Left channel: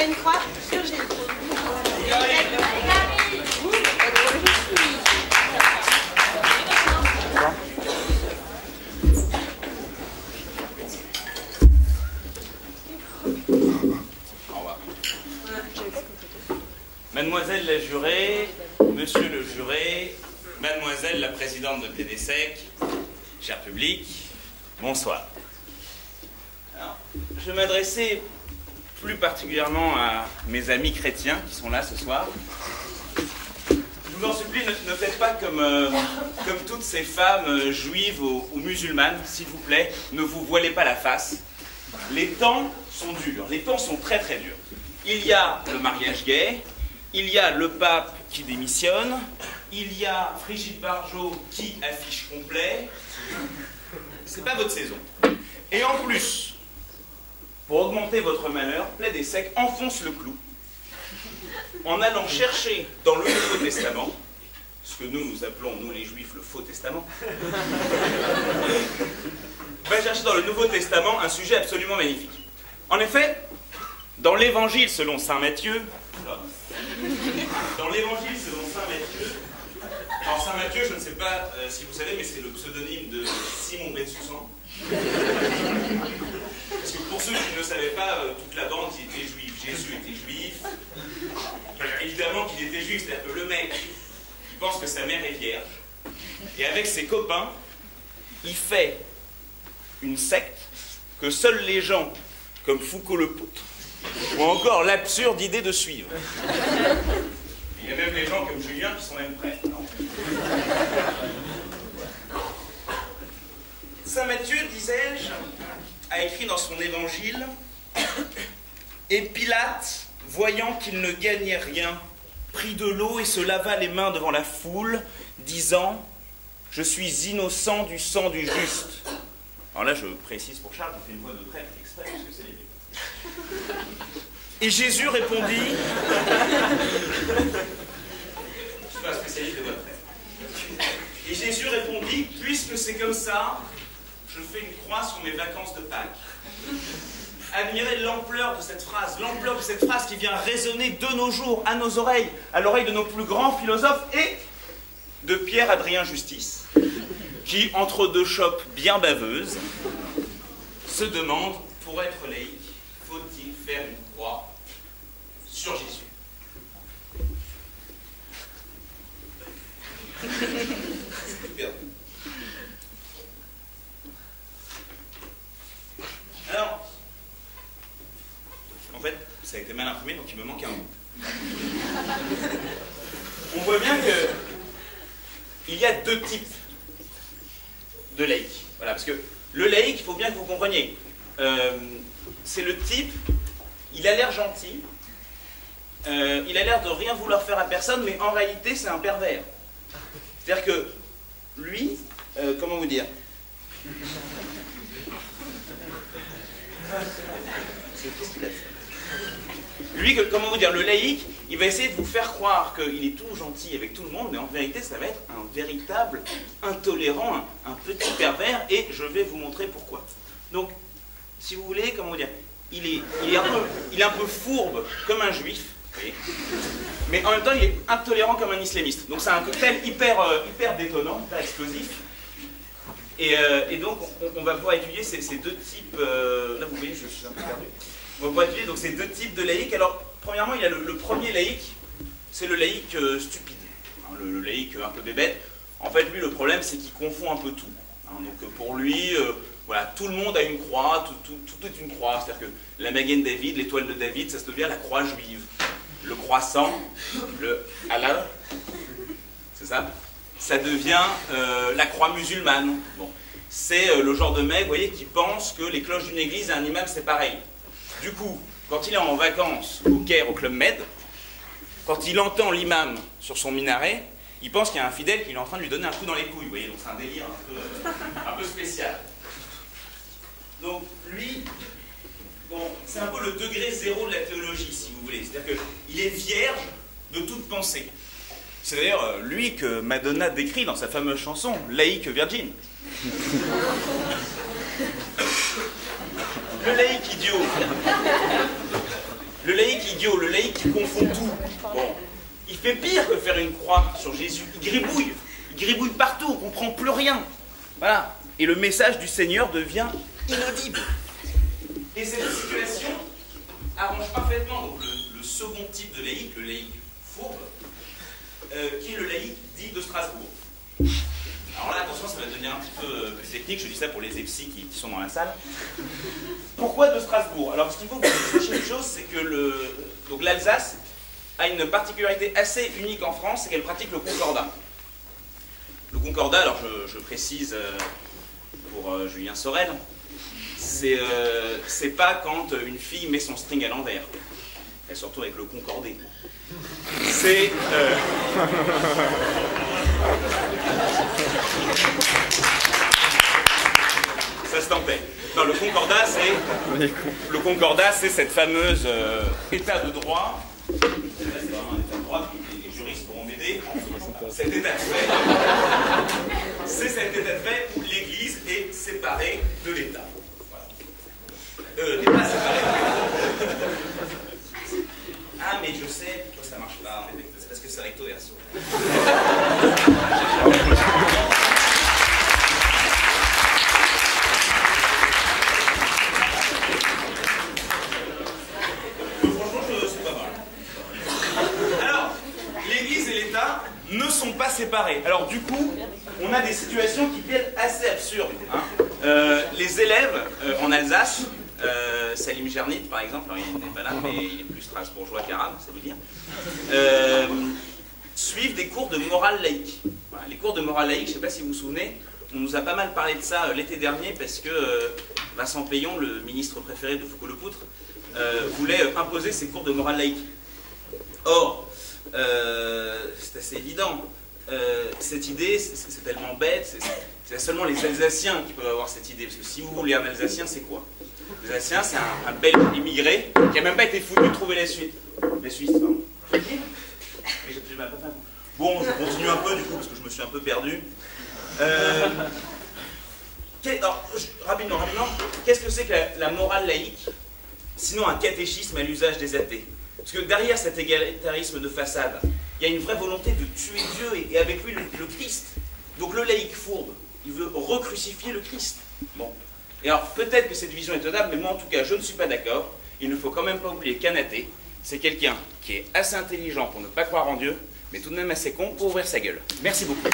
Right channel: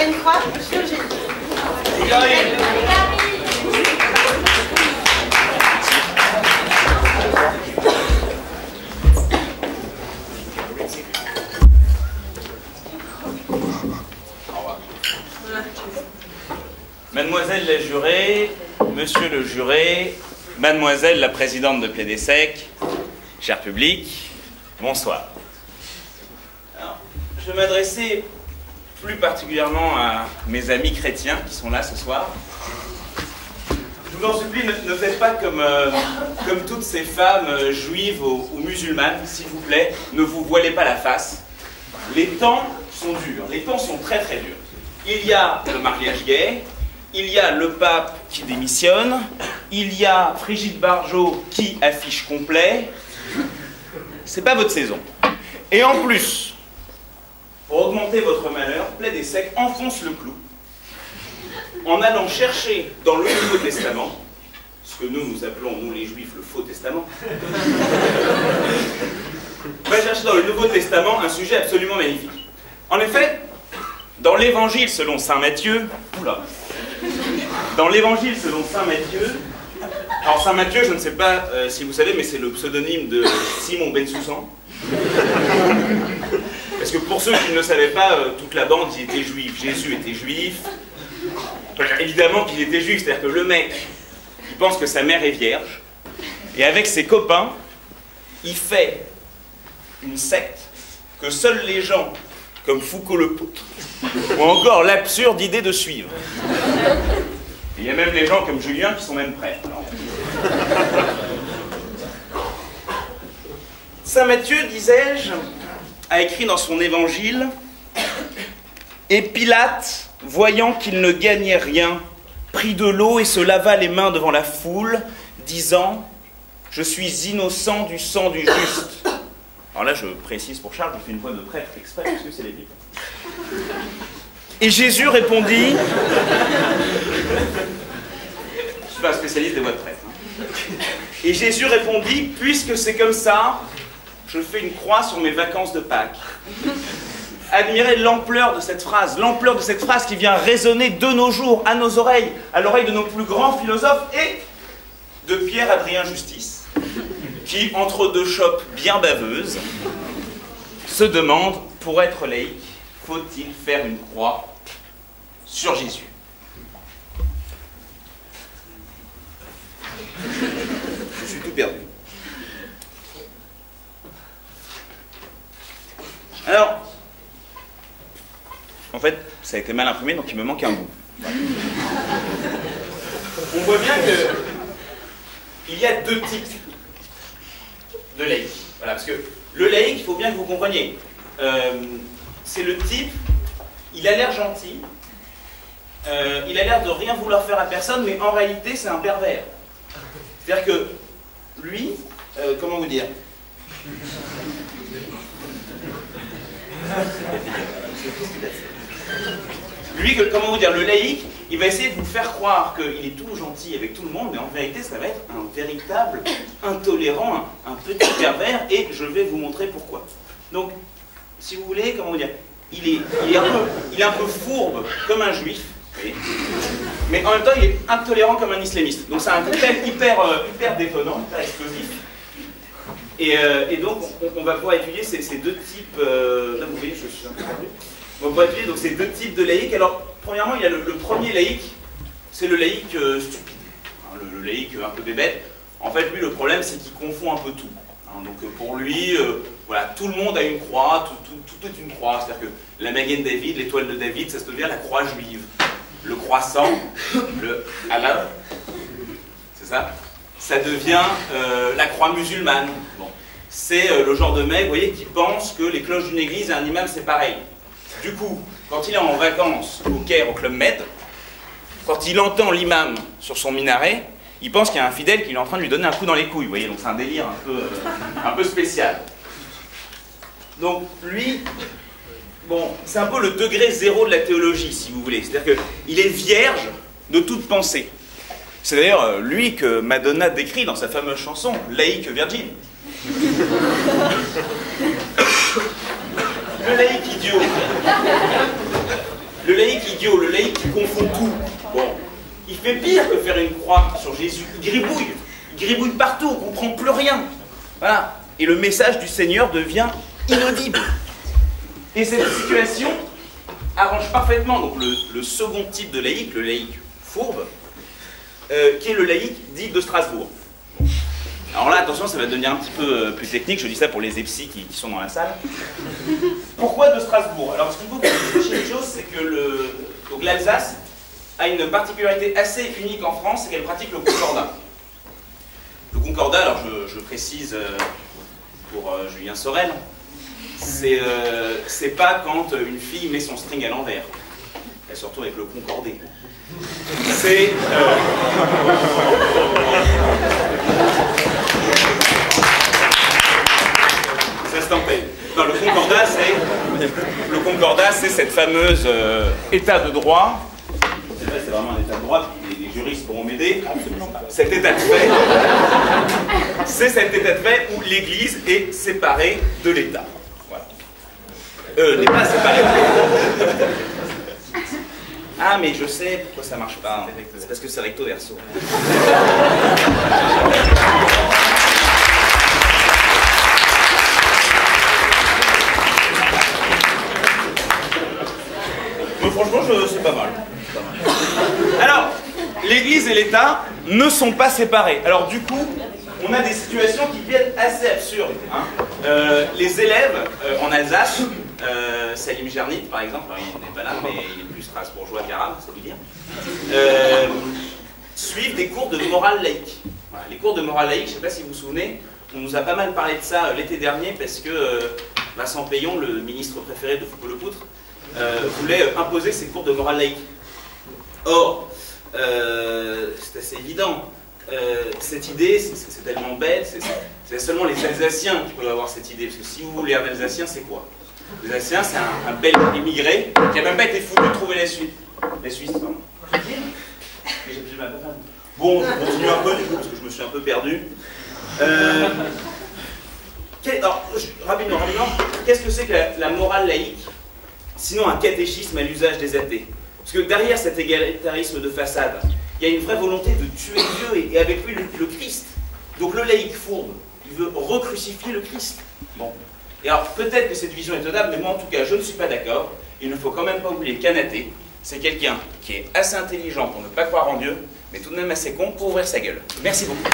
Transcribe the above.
a une croix sur Jésus. Il arrive. Mademoiselle la jurée, monsieur le juré, mademoiselle la présidente de Plédé-Sec, cher public, bonsoir. Alors, je vais m'adresser plus particulièrement à mes amis chrétiens qui sont là ce soir. Je vous en supplie, ne faites pas comme toutes ces femmes juives ou musulmanes, s'il vous plaît, ne vous voilez pas la face. Les temps sont durs, les temps sont très très durs. Il y a le mariage gay, il y a le pape qui démissionne, il y a Brigitte Bardot qui affiche complet. C'est pas votre saison. Et en plus, pour augmenter votre malheur, Plédé-Sec enfonce le clou en allant chercher dans le Nouveau Testament, ce que nous appelons, nous les Juifs, le Faux Testament, va chercher dans le Nouveau Testament un sujet absolument magnifique. En effet, dans l'Évangile selon saint Matthieu, dans l'Évangile selon saint Matthieu, alors saint Matthieu, je ne sais pas si vous savez, mais c'est le pseudonyme de Simon Bensoussan. Parce que pour ceux qui ne le savaient pas, toute la bande, ils étaient juifs. Jésus était juif. Enfin, évidemment qu'il était juif, c'est-à-dire que le mec, il pense que sa mère est vierge, et avec ses copains, il fait une secte que seuls les gens comme Foucault le Poutre ont encore l'absurde idée de suivre. Et il y a même les gens comme Julien qui sont même prêts. Alors... Saint Matthieu, disais-je, a écrit dans son évangile « Et Pilate, voyant qu'il ne gagnait rien, prit de l'eau et se lava les mains devant la foule, disant « Je suis innocent du sang du juste. » Alors là, je précise pour Charles, je fais une voix de prêtre exprès, parce que c'est la Bible. Et Jésus répondit... Je ne suis pas un spécialiste des voix de prêtre. Et Jésus répondit, puisque c'est comme ça, je fais une croix sur mes vacances de Pâques. Admirez l'ampleur de cette phrase qui vient résonner de nos jours, à nos oreilles, à l'oreille de nos plus grands philosophes et de Pierre-Adrien Justice, qui, entre deux chopes bien baveuses, se demande, pour être laïque, faut-il faire une croix sur Jésus? Je suis tout perdu. Alors, en fait, ça a été mal imprimé, donc il me manque un bout. On voit bien qu'il y a deux types de laïcs. Voilà, parce que le laïc, il faut bien que vous compreniez. C'est le type, il a l'air gentil, il a l'air de rien vouloir faire à personne, mais en réalité, c'est un pervers. C'est-à-dire que lui, comment vous dire? Lui, comment vous dire, le laïc, il va essayer de vous faire croire qu'il est tout gentil avec tout le monde, mais en vérité, ça va être un véritable intolérant, un petit pervers, et je vais vous montrer pourquoi. Donc, si vous voulez, comment vous dire, il est un peu fourbe, comme un juif, mais en même temps, il est intolérant comme un islamiste. Donc, c'est un cocktail hyper détonnant, hyper explosif. Et donc, on va pouvoir étudier ces deux types... là, vous voyez, je suis un peu perdu. On va pouvoir étudier donc, ces deux types de laïcs. Alors, premièrement, il y a le premier laïc, c'est le laïc stupide. Hein, le laïc un peu bébête. En fait, lui, le problème, c'est qu'il confond un peu tout. Hein, donc, pour lui, voilà, tout le monde a une croix, tout est une croix. C'est-à-dire que la Magen David, l'étoile de David, ça se devient la croix juive. Le croissant, le Allah, c'est ça? Ça devient la croix musulmane. Bon. C'est le genre de mec, vous voyez, qui pense que les cloches d'une église et un imam, c'est pareil. Du coup, quand il est en vacances au Caire, au Club Med, quand il entend l'imam sur son minaret, il pense qu'il y a un fidèle qui est en train de lui donner un coup dans les couilles, vous voyez, donc c'est un délire un peu spécial. Donc, lui, bon, c'est un peu le degré zéro de la théologie, si vous voulez. C'est-à-dire qu'il est vierge de toute pensée. C'est d'ailleurs lui que Madonna décrit dans sa fameuse chanson « Laïque Virgin ». Le laïc idiot, Le laïc idiot, le laïc qui confond tout. Bon, il fait pire que faire une croix sur Jésus. Il gribouille partout, on ne comprend plus rien. Voilà. Et le message du Seigneur devient inaudible. Et cette situation arrange parfaitement donc, le second type de laïc, le laïc fourbe, qui est le laïc dit de Strasbourg. Alors là, attention, ça va devenir un petit peu plus technique, je dis ça pour les épsis qui sont dans la salle. Pourquoi de Strasbourg? Alors, ce qu'il faut que vous sachiez une chose, c'est que l'Alsace a une particularité assez unique en France, c'est qu'elle pratique le concordat. Le concordat, alors je précise pour Julien Sorel, c'est pas quand une fille met son string à l'envers. Elle se retrouve avec le concordé. C'est... Ça se tempête. Non, le concordat, c'est cette fameuse état de droit. C'est vraiment un état de droit, les juristes pourront m'aider. Cet état de fait, c'est cet état de fait où l'Église est séparée de l'État. Voilà. N'est pas séparée de l'État. Ah, mais je sais pourquoi ça marche pas. C'est parce que c'est recto verso. Mais franchement, c'est pas mal. Alors, l'Église et l'État ne sont pas séparés. Alors du coup, on a des situations qui viennent assez absurdes. Hein. Les élèves en Alsace, Salim Jernit par exemple, alors, il n'est pas là, mais il est plus strasbourgeois qu'arabe, ça veut dire, suivent des cours de morale laïque. Voilà, les cours de morale laïque, je ne sais pas si vous vous souvenez, on nous a pas mal parlé de ça l'été dernier parce que Vincent Payon, le ministre préféré de Foucault-Lepoutre, voulait imposer ses cours de morale laïque. Or, c'est assez évident. Cette idée, c'est tellement bête, c'est seulement les Alsaciens qui peuvent avoir cette idée. Parce que si vous voulez un Alsacien, c'est quoi? L'Alsacien, c'est un bel immigré qui n'a même pas été foutu de trouver la Suisse. Les Suisses, pardon. Bon, je continue un peu du coup, parce que je me suis un peu perdu. Alors, rapidement, qu'est-ce que c'est que la morale laïque, sinon un catéchisme à l'usage des athées? Parce que derrière cet égalitarisme de façade, il y a une vraie volonté de tuer Dieu et avec lui le Christ. Donc le laïc fourbe, il veut recrucifier le Christ. Bon. Et alors peut-être que cette vision est tenable, mais moi en tout cas je ne suis pas d'accord. Il ne faut quand même pas oublier qu'un athée, c'est quelqu'un qui est assez intelligent pour ne pas croire en Dieu, mais tout de même assez con pour ouvrir sa gueule. Merci beaucoup.